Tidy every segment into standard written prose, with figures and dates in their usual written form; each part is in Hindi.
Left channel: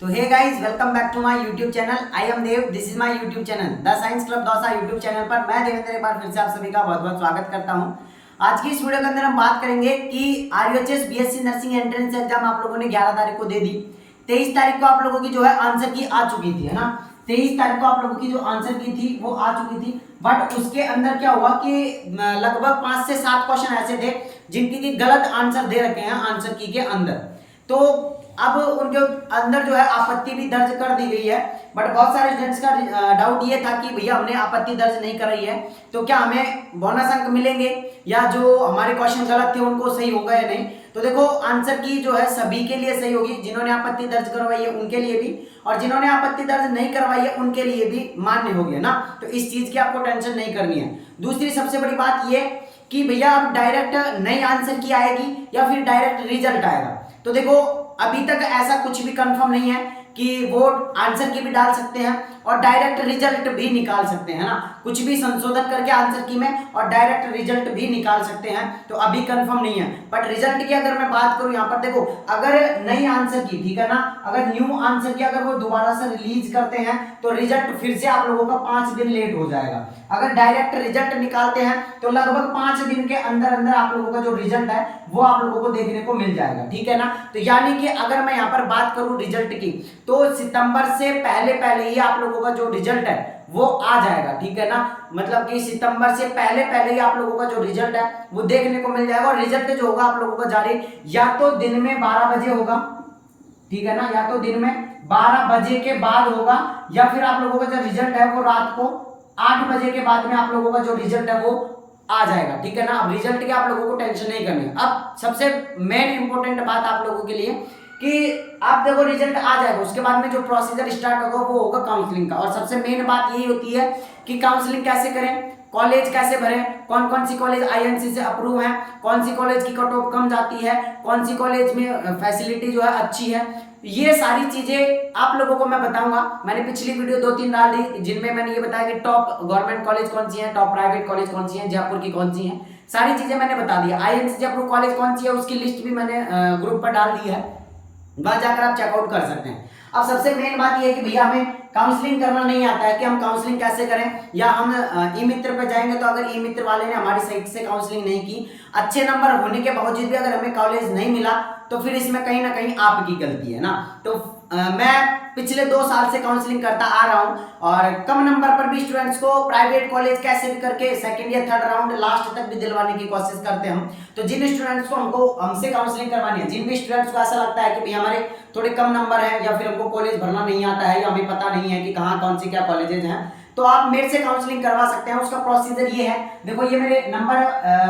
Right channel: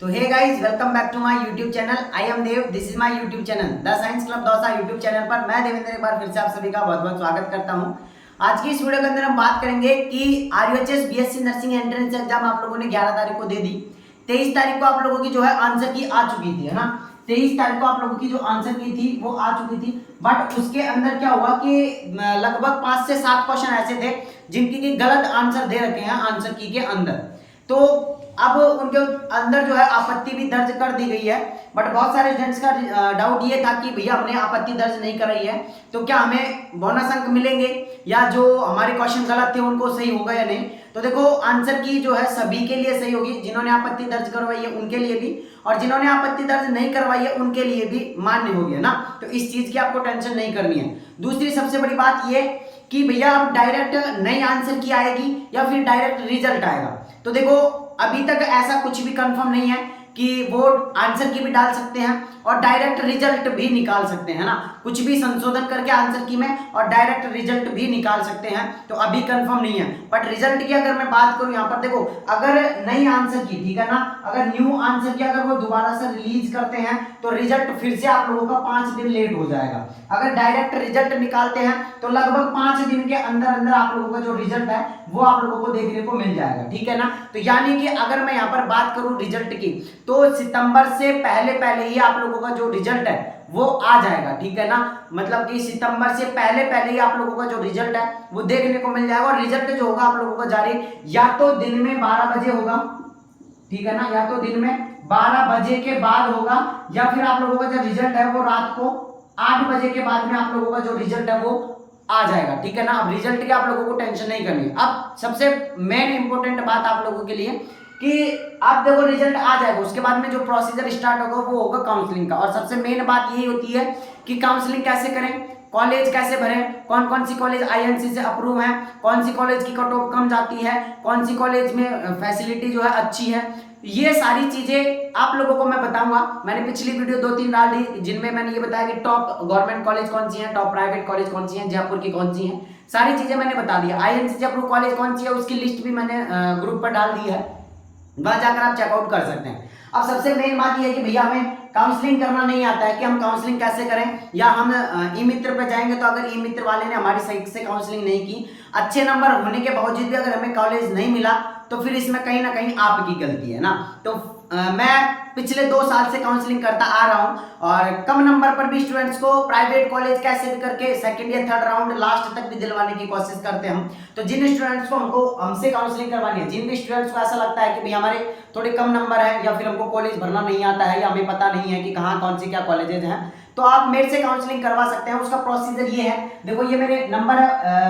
तो hey guys, welcome back to my YouTube channel. I am Dev, this is my YouTube channel the science club Dausa YouTube channel पर मैं देवेंद्र एक बार फिर से आप सभी का बहुत बहुत स्वागत करता हूं। आज की इस वीडियो के अंदर हम बात करेंगे कि RUHS BSc nursing entrance exam आप लोगों ने 11 तारीख को दे दी। 23 तारीख को आप लोगों की जो है आंसर की आ चुकी थी, है ना। 23 तारीख को आप लोगों की जो आंसर की थी वो आ चुकी थी, बट उसके अंदर क्या हुआ कि लगभग 5 से 7 क्वेश्चन ऐसे थे जिनकी की गलत आंसर दे रखे हैं आंसर की के अंदर। तो अब उनके अंदर जो है आपत्ति भी दर्ज कर दी गई है, बट बहुत सारे स्टूडेंट्स का डाउट ये था कि भैया हमने आपत्ति दर्ज नहीं कराई है तो क्या हमें बोनस अंक मिलेंगे या जो हमारे क्वेश्चन गलत थे उनको सही होगा या नहीं। तो देखो, आंसर की जो है सभी के लिए सही होगी, जिन्होंने आपत्ति दर्ज करवाई है उनके लिए भी, और जिन्होंने आपत्ति दर्ज नहीं करवाई है उनके लिए भी मान्य हो गया ना। तो इस चीज की आपको टेंशन नहीं करनी है। दूसरी सबसे बड़ी बात ये कि भैया अब डायरेक्ट नई आंसर की आएगी या फिर डायरेक्ट रिजल्ट आएगा। तो देखो, अभी तक ऐसा कुछ भी कंफर्म नहीं है कि वो आंसर की भी डाल सकते हैं और डायरेक्ट रिजल्ट भी निकाल सकते हैं ना। कुछ भी संशोधन करके आंसर की में और डायरेक्ट रिजल्ट भी निकाल सकते हैं, तो अभी कंफर्म नहीं है। बट रिजल्ट की अगर मैं बात करूं, यहाँ पर देखो, अगर नई आंसर की, ठीक है ना, अगर न्यू आंसर की अगर वो दोबारा से रिलीज करते हैं तो रिजल्ट फिर से आप लोगों का 5 दिन लेट हो जाएगा। अगर डायरेक्ट रिजल्ट निकालते हैं तो लगभग 5 दिन के अंदर अंदर आप लोगों का जो रिजल्ट है वो आप लोगों को देखने को मिल जाएगा, ठीक है ना। तो यानी कि अगर मैं यहाँ पर बात करूं रिजल्ट की, तो सितंबर से पहले पहले ही आप लोगों का जो रिजल्ट है वो आ जाएगा, ठीक है ना। मतलब कि सितंबर से पहले पहले ही आप लोगों का जो रिजल्ट है वो देखने को मिल जाएगा। और रिजल्ट जो होगा आप लोगों का जारी या तो दिन में 12 बजे होगा, ठीक है ना, या तो दिन में 12 बजे के बाद होगा, या फिर आप लोगों का जो रिजल्ट है वो रात को 8 बजे के बाद में आप लोगों का जो रिजल्ट है वो आ जाएगा, ठीक है ना। अब रिजल्ट की आप लोगों को टेंशन नहीं करनी। अब सबसे मेन इंपॉर्टेंट बात आप लोगों के लिए कि आप देखो रिजल्ट आ जाएगा, उसके बाद में जो प्रोसीजर स्टार्ट होगा वो होगा काउंसलिंग का। और सबसे मेन बात यही होती है कि काउंसलिंग कैसे करें, कॉलेज कैसे भरें, कौन कौन सी कॉलेज आईएनसी से अप्रूव है, कौन सी कॉलेज की कट ऑफ कम जाती है, कौन सी कॉलेज में फैसिलिटी जो है अच्छी है, ये सारी चीजें आप लोगों को मैं बताऊंगा। मैंने पिछली वीडियो 2-3 डाल दी जिनमें मैंने ये बताया कि टॉप गवर्नमेंट कॉलेज कौन सी है, टॉप प्राइवेट कॉलेज कौन सी है, जयपुर की कौन सी है, सारी चीजें मैंने बता दी। आईएनसी से अप्रूव कॉलेज कौन सी है उसकी लिस्ट भी मैंने ग्रुप पर डाल दी है, वहां जाकर आप चेकआउट कर सकते हैं। अब सबसे मेन बात यह है कि भैया हमें काउंसलिंग करना नहीं आता है कि हम काउंसलिंग कैसे करें, या हम ई मित्र पे जाएंगे तो अगर ई मित्र वाले ने हमारी सही से काउंसलिंग नहीं की, अच्छे नंबर होने के बावजूद भी अगर हमें कॉलेज नहीं मिला, तो फिर इसमें कहीं ना कहीं आपकी गलती है ना। तो मैं पिछले 2 साल से काउंसलिंग करता आ रहा हूं और कम नंबर पर भी स्टूडेंट्स को प्राइवेट कॉलेज कैसे भी करके सेकंड या थर्ड राउंड लास्ट तक भी दिलवाने की कोशिश करते हैं हम। तो जिन स्टूडेंट्स को हमसे काउंसलिंग करवानी है, जिन भी स्टूडेंट्स को ऐसा लगता है कि भाई हमारे थोड़े कम नंबर है या फिर हमको कॉलेज भरना नहीं आता है या हमें पता नहीं है कि कहाँ कौन सी क्या कॉलेजेज हैं, तो आप मेरे से काउंसलिंग करवा सकते हैं। उसका प्रोसीजर ये है, देखो ये मेरे नंबर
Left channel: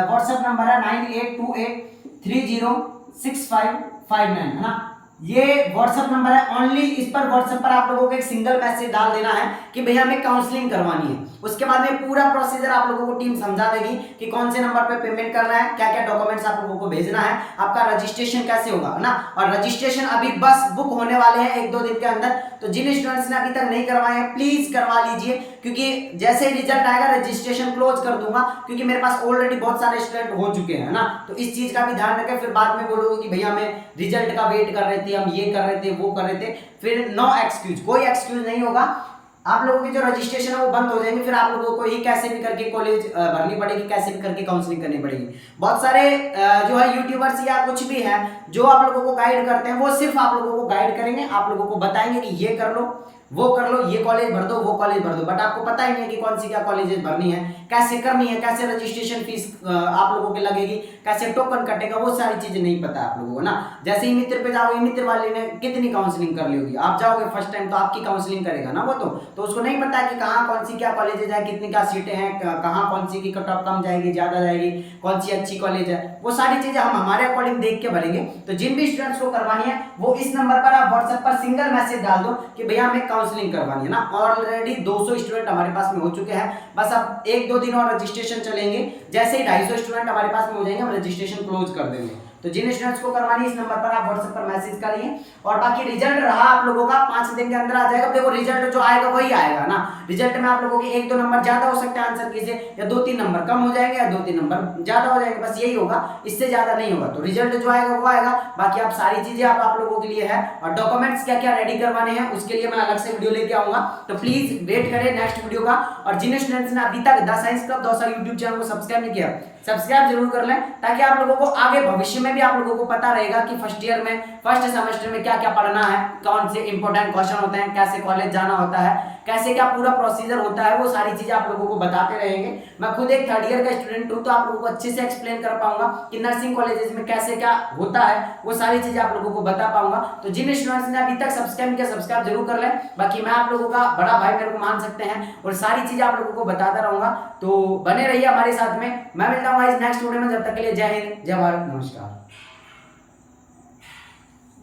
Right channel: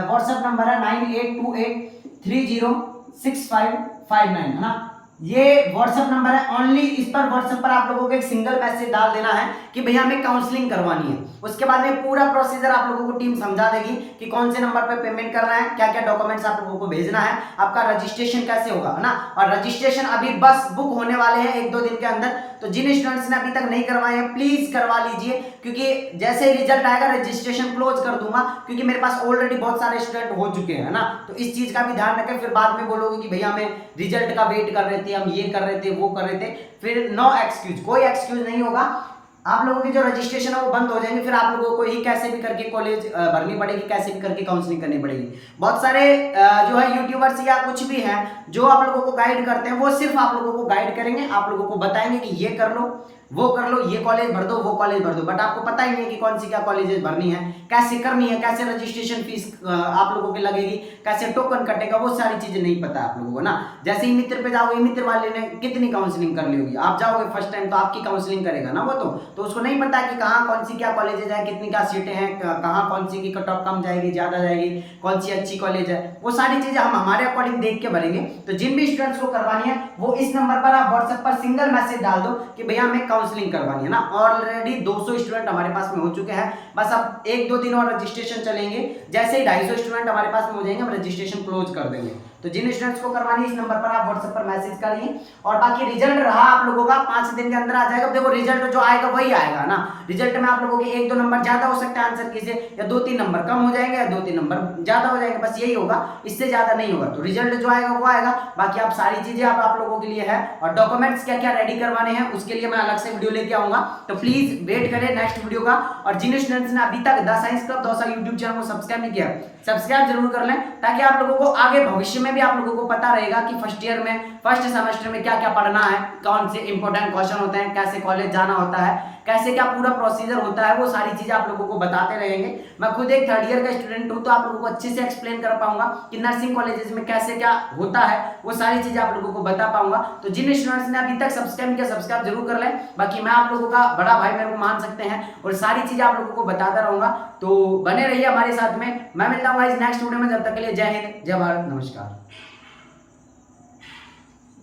व्हाट्सएप नंबर है 9828306559, है ना। ये व्हाट्सएप नंबर है, ओनली इस पर व्हाट्सएप पर आप लोगों को एक सिंगल मैसेज डाल देना है कि भैया हमें काउंसलिंग करवानी है। उसके बाद में पूरा प्रोसीजर आप लोगों को टीम समझा देगी कि कौन से नंबर पे पेमेंट करना है, क्या क्या डॉक्यूमेंट्स आप लोगों को भेजना है, आपका रजिस्ट्रेशन कैसे होगा, है ना। और रजिस्ट्रेशन अभी बस बुक होने वाले हैं 1-2 दिन के अंदर। तो जिन स्टूडेंट्स ने अभी तक नहीं करवाए हैं प्लीज करवा लीजिए, क्योंकि जैसे ही रिजल्ट आएगा रजिस्ट्रेशन क्लोज कर दूंगा, क्योंकि मेरे पास ऑलरेडी बहुत सारे स्टूडेंट हो चुके हैं ना। तो इस चीज का भी ध्यान रखें, फिर बाद में बोलोगे कि भैया हमें रिजल्ट का वेट कर रहे थे, हम ये कर रहे थे, वो कर रहे थे। फिर नो एक्सक्यूज, कोई एक्सक्यूज नहीं होगा। आप लोगों की जो रजिस्ट्रेशन है वो बंद हो जाएंगे, फिर आप लोगों को ही कैसे भी करके कॉलेज भरनी पड़ेगी, कैसे भी करके काउंसलिंग करनी पड़ेगी। बहुत सारे जो है यूट्यूबर्स या कुछ भी हैं जो आप लोगों को गाइड करते हैं, वो सिर्फ आप लोगों को गाइड करेंगे, आप लोगों को बताएंगे कि ये कर लो, वो कर लो, ये कॉलेज भर दो, वो कॉलेज भर दो, बट आपको पता ही नहीं है कि कौन सी क्या कॉलेजेस भरनी है, कैसे करनी है, कैसे रजिस्ट्रेशन फीस आप लोगों की लगेगी, कैसे टोकन कटेगा, वो सारी चीजें नहीं पता आप लोगों को ना। जैसे ही मित्र पे जाओगे, मित्र वाले ने कितनी काउंसलिंग कर ली होगी, आप जाओगे फर्स्ट टाइम तो आपकी काउंसलिंग करेगा ना वो, तो उसको नहीं पता कि कहाँ कौन सी क्या कॉलेजेज है, कितनी क्या सीटें हैं, कहाँ कौन सी की कट ऑफ कम जाएगी, ज्यादा जाएगी, कौन सी अच्छी कॉलेज है, वो सारी चीजें हम हमारे अकॉर्डिंग देख के भरेंगे। तो जिन भी स्टूडेंट्स को करवानी है वो इस नंबर पर आप व्हाट्सएप पर सिंगल मैसेज डाल दो कि भैया हमें काउंसलिंग करवानी है ना। ऑलरेडी 200 स्टूडेंट हमारे पास में हो चुके हैं, बस अब 1-2 दिन और रजिस्ट्रेशन चलेंगे, जैसे ही 250 स्टूडेंट हमारे पास में हो जाएंगे हम रजिस्ट्रेशन क्लोज कर देंगे। तो जिन स्टूडेंट्स को करवानी है इस नंबर पर आप व्हाट्सएप पर मैसेज करिए। और बाकी रिजल्ट रहा आप लोगों का 5 दिन के अंदर आ जाएगा। देखो रिजल्ट जो आएगा वही आएगा ना, रिजल्ट में आप लोगों के 1-2 नंबर ज्यादा हो सकते हैं आंसर की से, या 2-3 नंबर कम हो जाएंगे, या 2-3 नंबर ज्यादा हो जाएंगे, बस यही होगा, इससे ज्यादा नहीं होगा। तो रिजल्ट जो आएगा वो आएगा। बाकी आप सारी चीजें आप लोगों के लिए है, और डॉक्यूमेंट्स क्या क्या रेडी करवाने हैं उसके लिए मैं अलग से वीडियो लेके आऊंगा। तो प्लीज वेट करें नेक्स्ट वीडियो का। और जिन स्टूडेंट्स ने अभी तक the science club Dausa YouTube channel को सब्सक्राइब नहीं किया, सब्सक्राइब जरूर कर लें, ताकि आप लोगों को आगे भविष्य में भी आप लोगों को पता रहेगा कि फर्स्ट ईयर में फर्स्ट सेमेस्टर में क्या क्या पढ़ना है, कौन से इंपॉर्टेंट क्वेश्चन होते हैं, कैसे कॉलेज जाना होता है, कैसे क्या पूरा प्रोसीजर होता है, वो सारी चीजें आप लोगों को बताते रहेंगे। मैं खुद एक 3rd ईयर का स्टूडेंट हूं, तो आप लोगों को अच्छे से एक्सप्लेन कर पाऊंगा कि नर्सिंग कॉलेजेस में कैसे क्या होता है, वो सारी चीजें आप लोगों को बता पाऊंगा। तो जिन स्टूडेंट्स ने अभी तक सब्सक्राइब किया, सब्सक्राइब जरूर कर लें। बाकी मैं आप लोगों का बड़ा भाई मेरे को मान सकते हैं, और सारी चीजें आप लोगों को बताता रहूंगा। तो बने रहिए हमारे साथ में। मैं मिलता हूँ नेक्स्ट वीडियो में, जब तक के लिए जय हिंद, जय भारत, नमस्कार।